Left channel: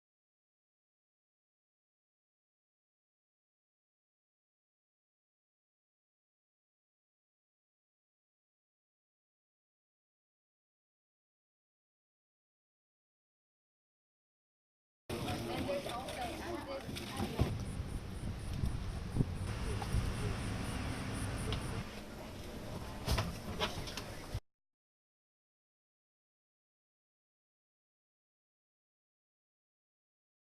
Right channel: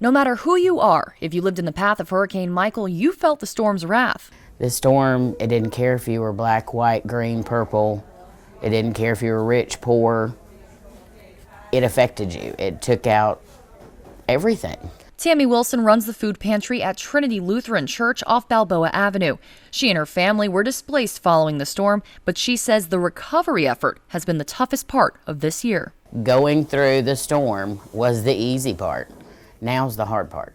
No matter who you are, if you lived in the path of Hurricane Michael, you felt the storm's wrath. The storm, it didn't care if you were black, white, green, purple. It didn't care if you were rich, poor. It affected you. It took out everything. Tammy Wilson runs the food pantry at Trinity Lutheran Church off Balboa Avenue. She and her family were displaced following the storm, but she says the recovery effort has been the toughest part of this year. Going through the storm was the easy part. Now's the hard part.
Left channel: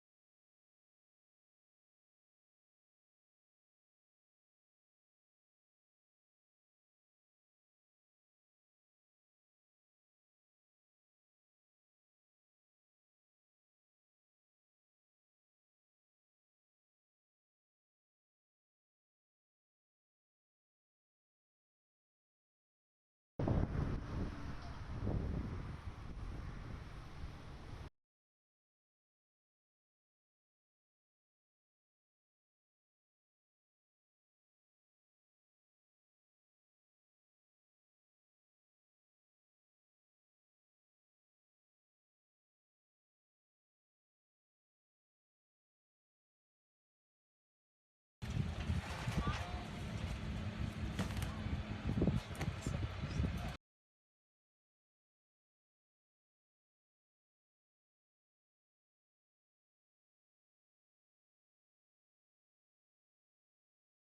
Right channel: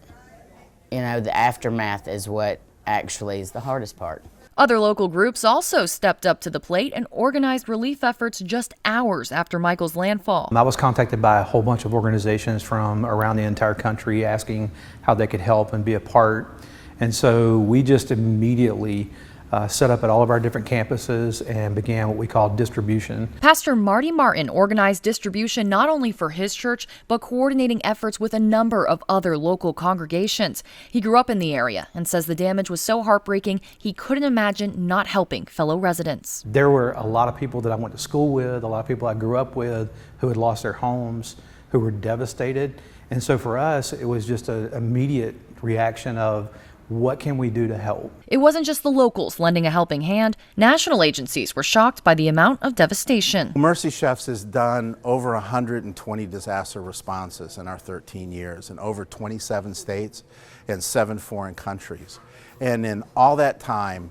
You know, the aftermath is what actually is the hardest part. Other local groups also stepped up to the plate and organized relief efforts just hours after Michael's landfall. I was contacted by a whole bunch of organizations from around the entire country asking how they could help and be a part. And so we just immediately set up at all of our different campuses and began what we call distribution. Pastor Marty Martin organized distribution not only for his church, but coordinating efforts with a number of other local congregations. He grew up in the area and says the damage was so heartbreaking he couldn't imagine not helping fellow residents. There were a lot of people that I went to school with, a lot of people I grew up with who had lost their homes, who were devastated. And so for us, it was just an immediate reaction of, what can we do to help? It wasn't just the locals lending a helping hand. National agencies were shocked by the amount of devastation. Mercy Chefs has done over 120 disaster responses in our 13 years in over 27 states and 7 foreign countries. And in all that time,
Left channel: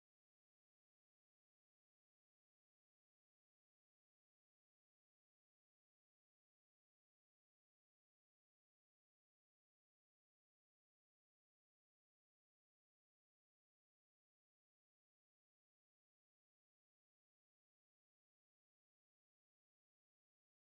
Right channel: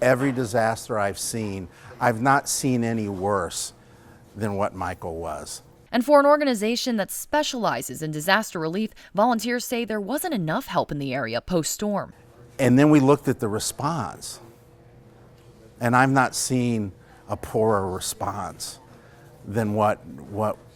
every disaster I've seen, I've not seen any worse than what Michael was. And for an organization that specializes in disaster relief, volunteers say there wasn't enough help in the area post-storm. And then we looked at the response, and I've not seen a poorer response than what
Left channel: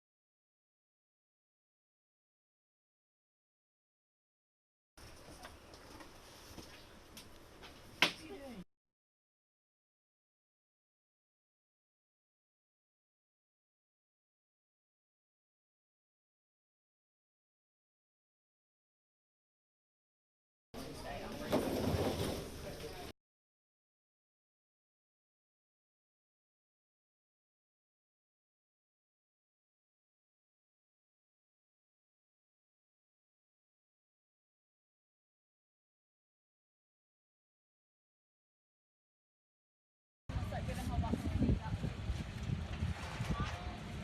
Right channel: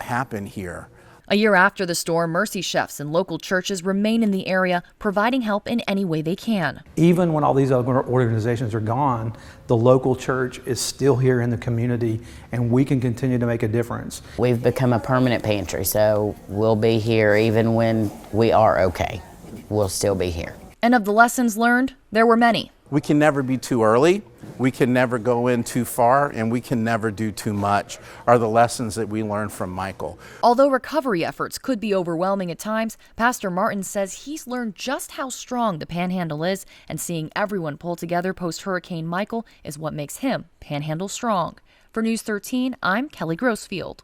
happened here. A year after the storm, Mercy Chefs and local churches remain in the area, providing help in any way they can. Even when all these other organizations are gone, the local church is still here in the community, and we can continue to make a difference. We've become a permanent pantry, so we'll be here even when we are okay. We'll still be here. And of the lessons learned, there were many. We can never be too early, we can never go in too far, and we can never do too much, are the lessons that we learned from Michael. Although recovery efforts could be overwhelming at times, Pastor Martin says he's learned just how strong the Panhandle is, and seeing everyone pull together post-Hurricane Michael is what makes him Panhandle strong. For News 13, I'm Kelly Grossfield.